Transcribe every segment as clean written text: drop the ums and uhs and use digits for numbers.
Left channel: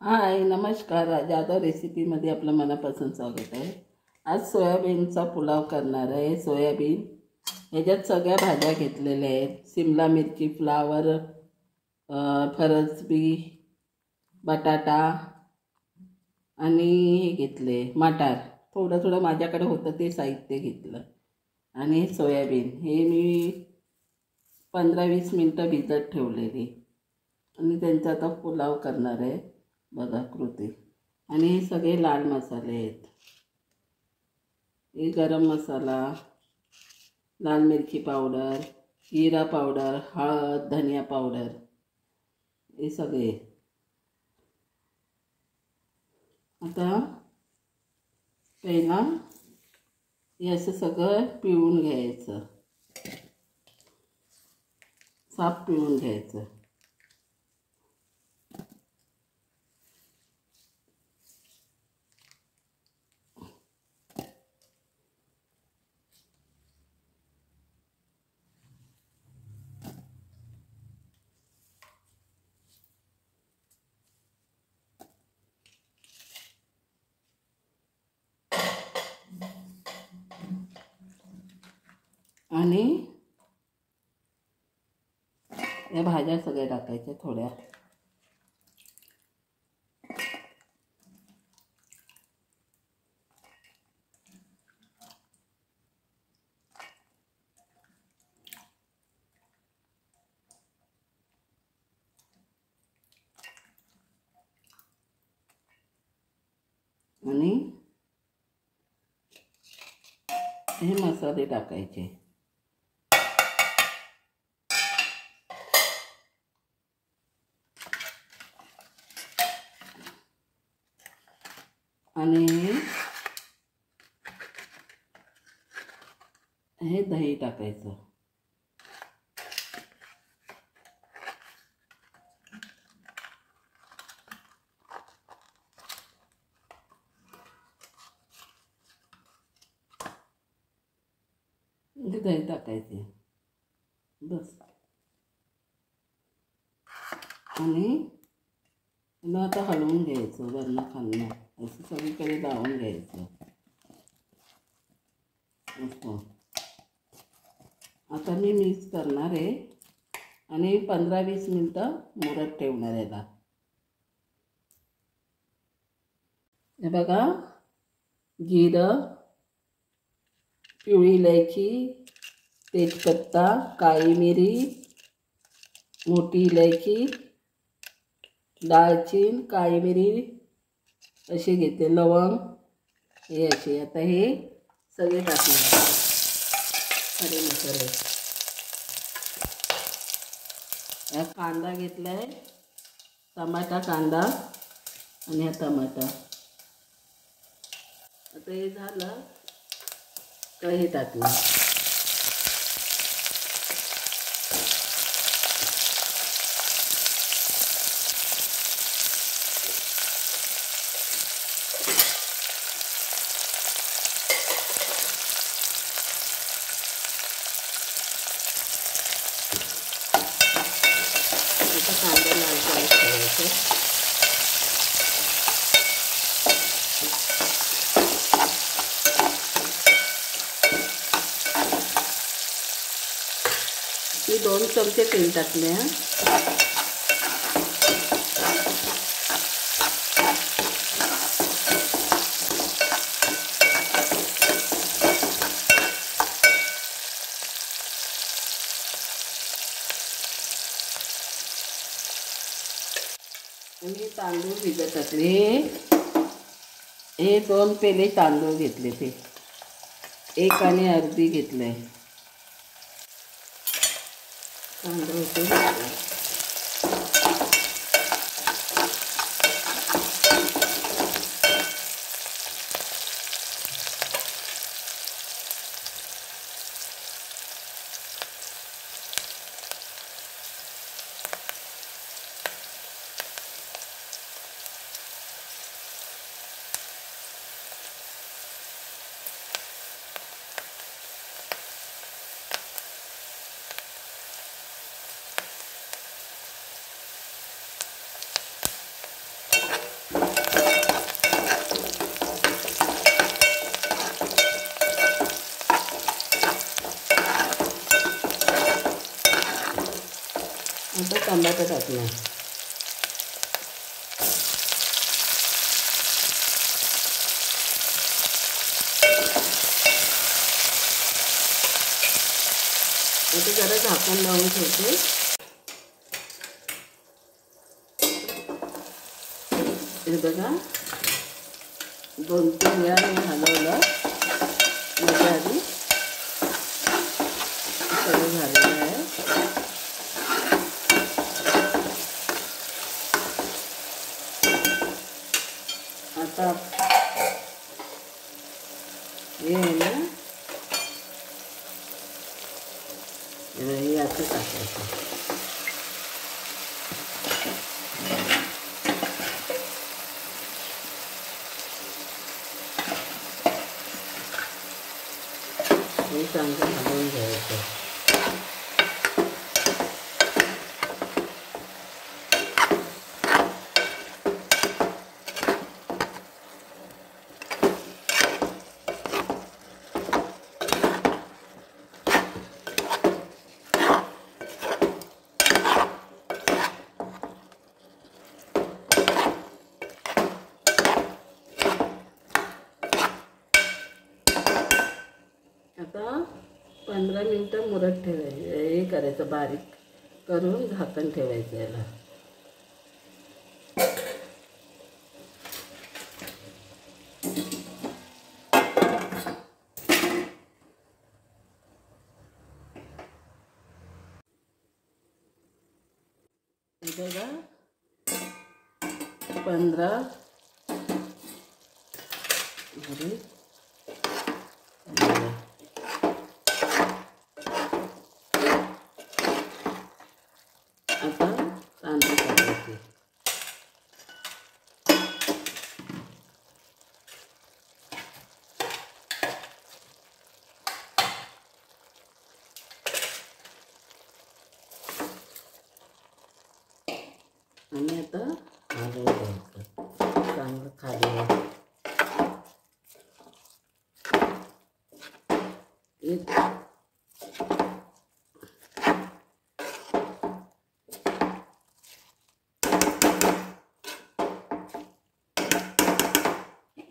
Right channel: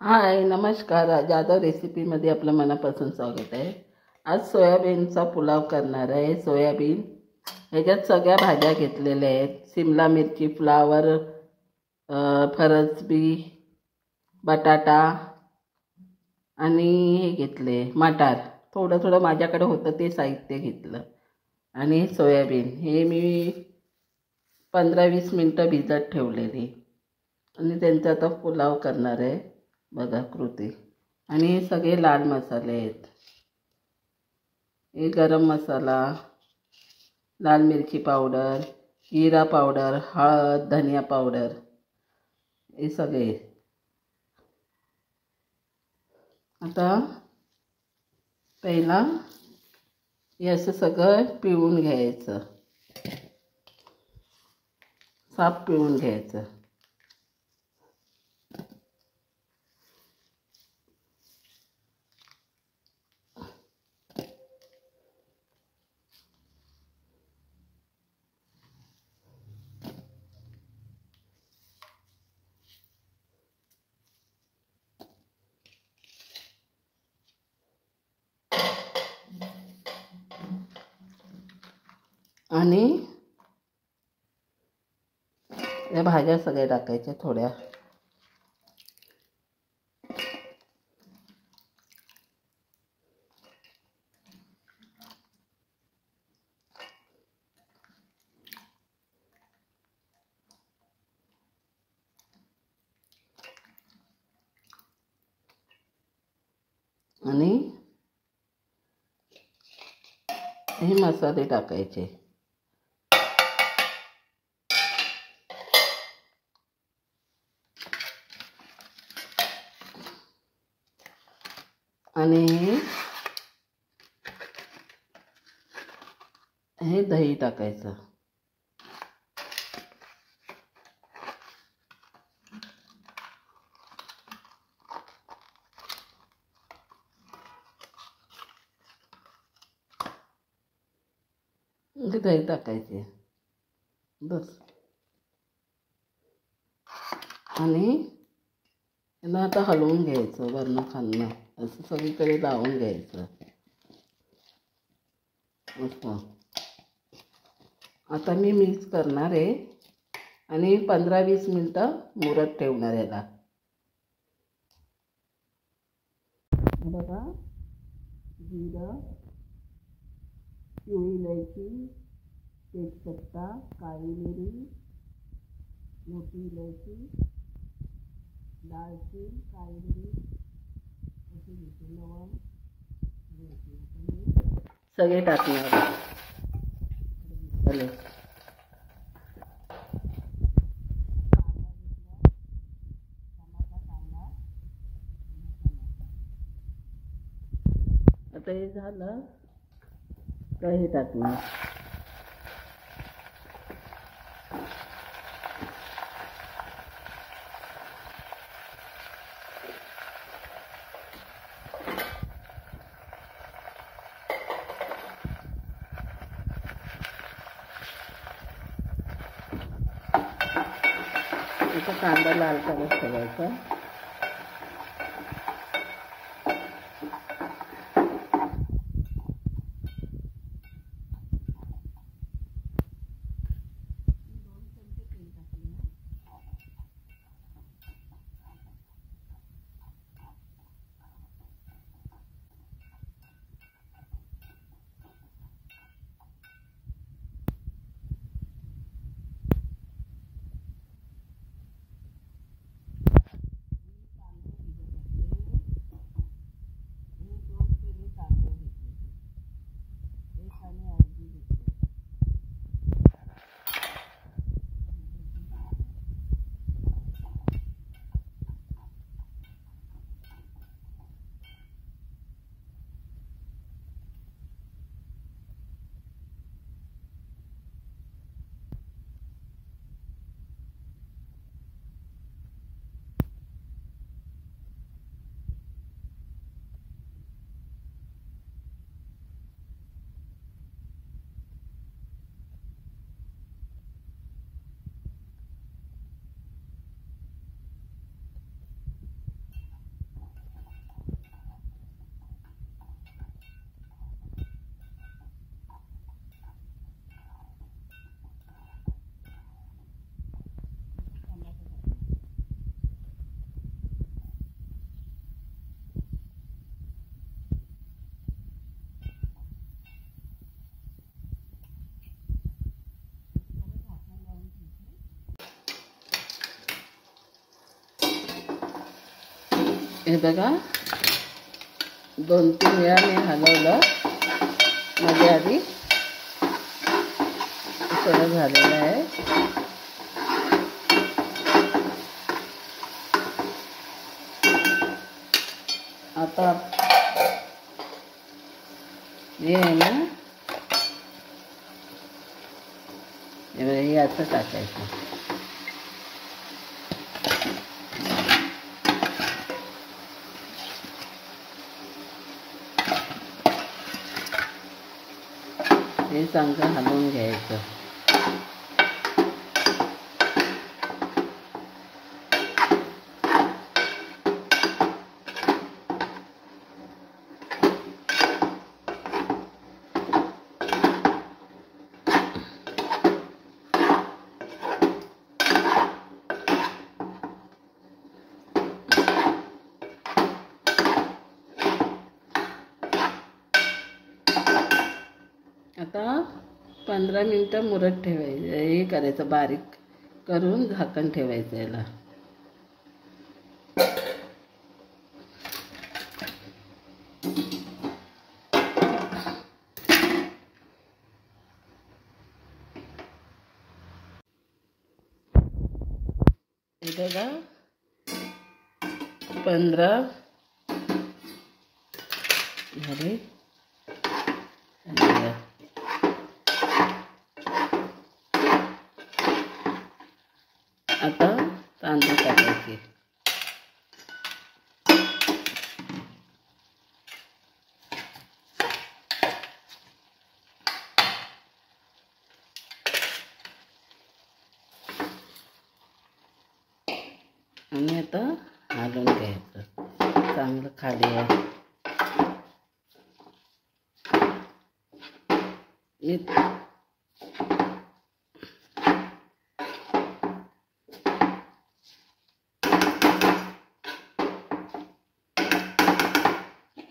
हाय नमस्कार. जाधव रेसिपीमध्ये आपलं मनापासून स्वागत आहे. आज सोयाबीनचा पुलाव करणार आहे. सोयाबीन ह्याच्यात सगळ्या भाज्या घेतलेल्या आहेत. शिमला मिरची, फ्लावर, फरसबी, बटाटा आणि हे घेतले मटार. थोडं थोडं माझ्याकडे होतं ते साहित्य घेतलं. आणि सोयाबीन हे मी 15-20 मिनटं भिजत ठेवलेली आणि त्यांचा आता पुलाव करणार आहे. बघा कृती. आणि हे सगळे लाल मसाले आहेत. हे गरम मसाला, लाल मिरची पावडर, जिरा पावडर, हळद, धनिया पावडर, हे सगळे. आता पहिला हे असं सगळं पिळून घ्यायचं, साफ पिळून घ्यायचं. आणि या भाज्या सगळ्या टाकायच्या थोड्या. आणि हे मसाले टाकायचे. आणि हे दही टाकायचं. दही टाकायचे बस. आणि यांना आता हलवून घ्यायचं वरनं खालनं, असं सगळीकडे लावून घ्यायचं. असं आता मी मिक्स करणार आहे आणि 15-20 मिनटं मुरत ठेवणार याला. हे बघा, जिरं, पिवळी इलायची, तेजपत्ता, काळी मिरी, मोठी इलायची, दालचीन, काळी मिरी असे घेते, लवंग हे असे. आता हे सगळे टाकणार खडे मसाले. हा कांदा घेतला आहे, टमाटा कांदा आणि हा टमाटा. आता हे झालं तर हे टाकणार. आता कांदा लाल करत ठेवायचा. मी 2 चमचे तेल टाकले. आणि तांदूळ भिजत टाकले. हे 2 पेले तांदूळ घेतले, ते 1 आणि अर्धी घेतले तांदूळ. बटाटा टाकणार. आता जरा झाकण लावून ठेवते. हे बघा 2-3 वेळा मी हलवलं. मध्ये आधी सगळं झालेलं आहे. आता हे आहे ना, हे असं टाकायचं. हे चांगलं हलवून घ्यायचं. आता 15 मिनटं मुरत ठेवायचं. हे करायचं, बारीक करून झाकण ठेवायचं याला. हे बघा 15 झाले. आता तांदूळ टाकायचे. आणि आता हलवून घ्यायचं चांगलं खाली.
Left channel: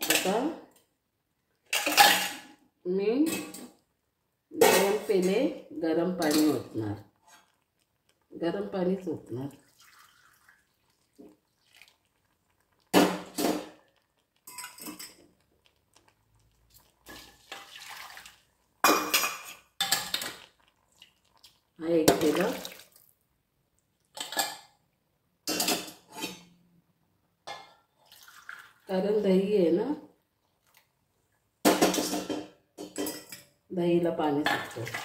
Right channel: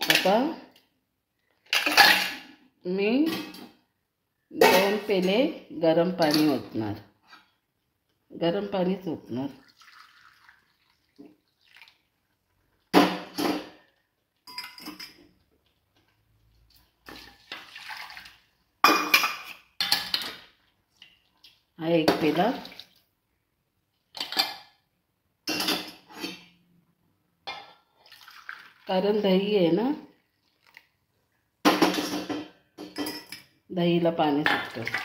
आता मी 2 पेले गरम पाणी ओतणार. गरम पाणीच ओतणार. हा 1 पेला. कारण दही आहे ना, दहीला पाणी सुटतं.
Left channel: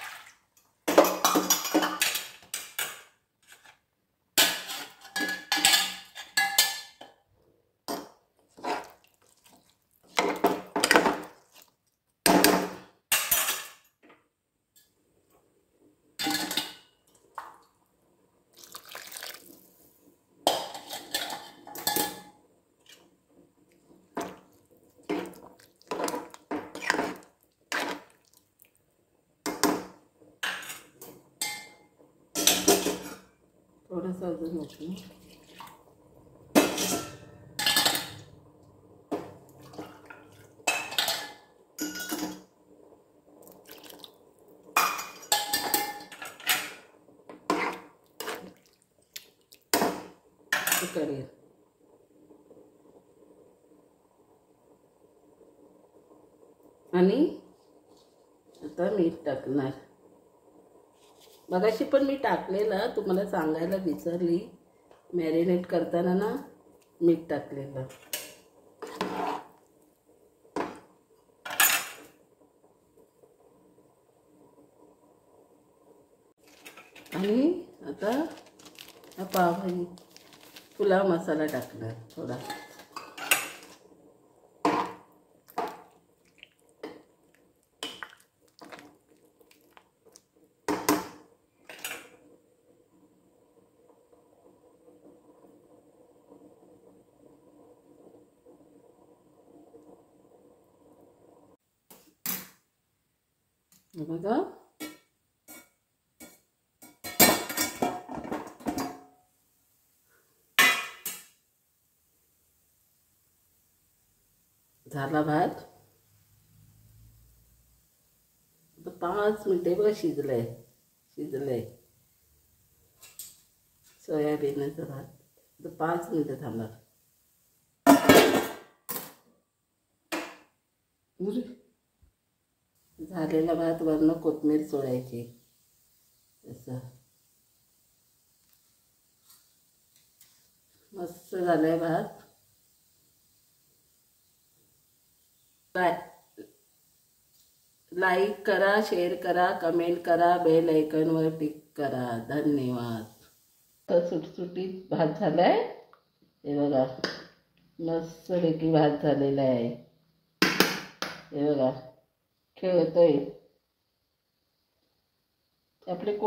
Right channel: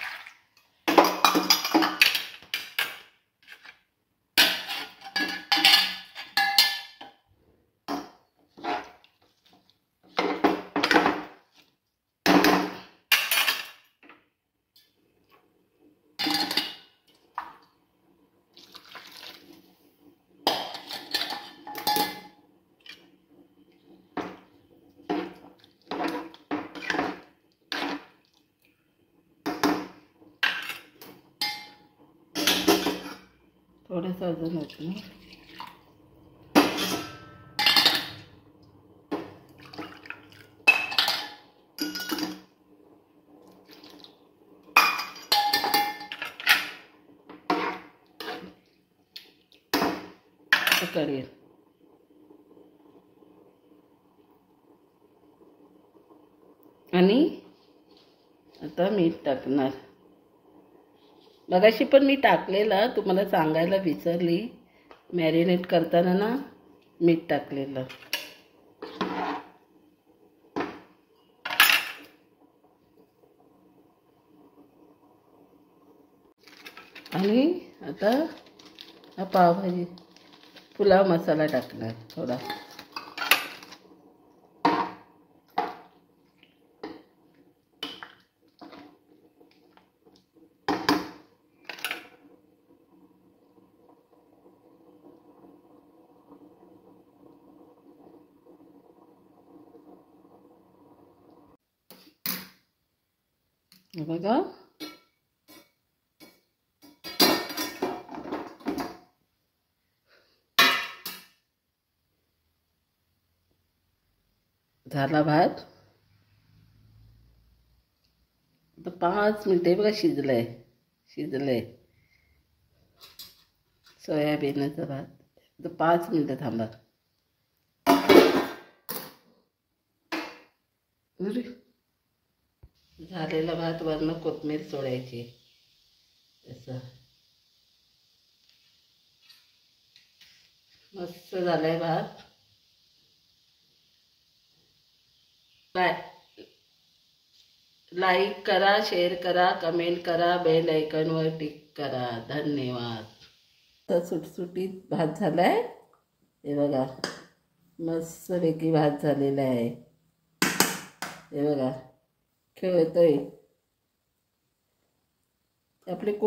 थोडंसं अजून होतं. करेल. आणि आता मीठ टाकणार. मगाशी पण मी टाकलेलं, तुम्हाला सांगायला विसरली. मॅरिनेट करताना ना मीठ टाकलेलं. आणि आता हा पावभाजी पुलाव मसाला टाकणार थोडा. बघा झाला भात. आता 5 मिनटे बघा शिजलंय सोयाबीनचा भात. आता 5 मिनटं थांबा. झालेला भात वरनं कोथिंबीर सोडायची. असं मस्त झालाय भात. लाईक करा, शेअर करा, कमेंट करा, बेल आयकॉनवर टिक करा. धन्यवाद. तर सुटसुटीत भात झालाय. हे बघा मस्तपैकी भात झालेला आहे. हे बघा खेळतोय आपले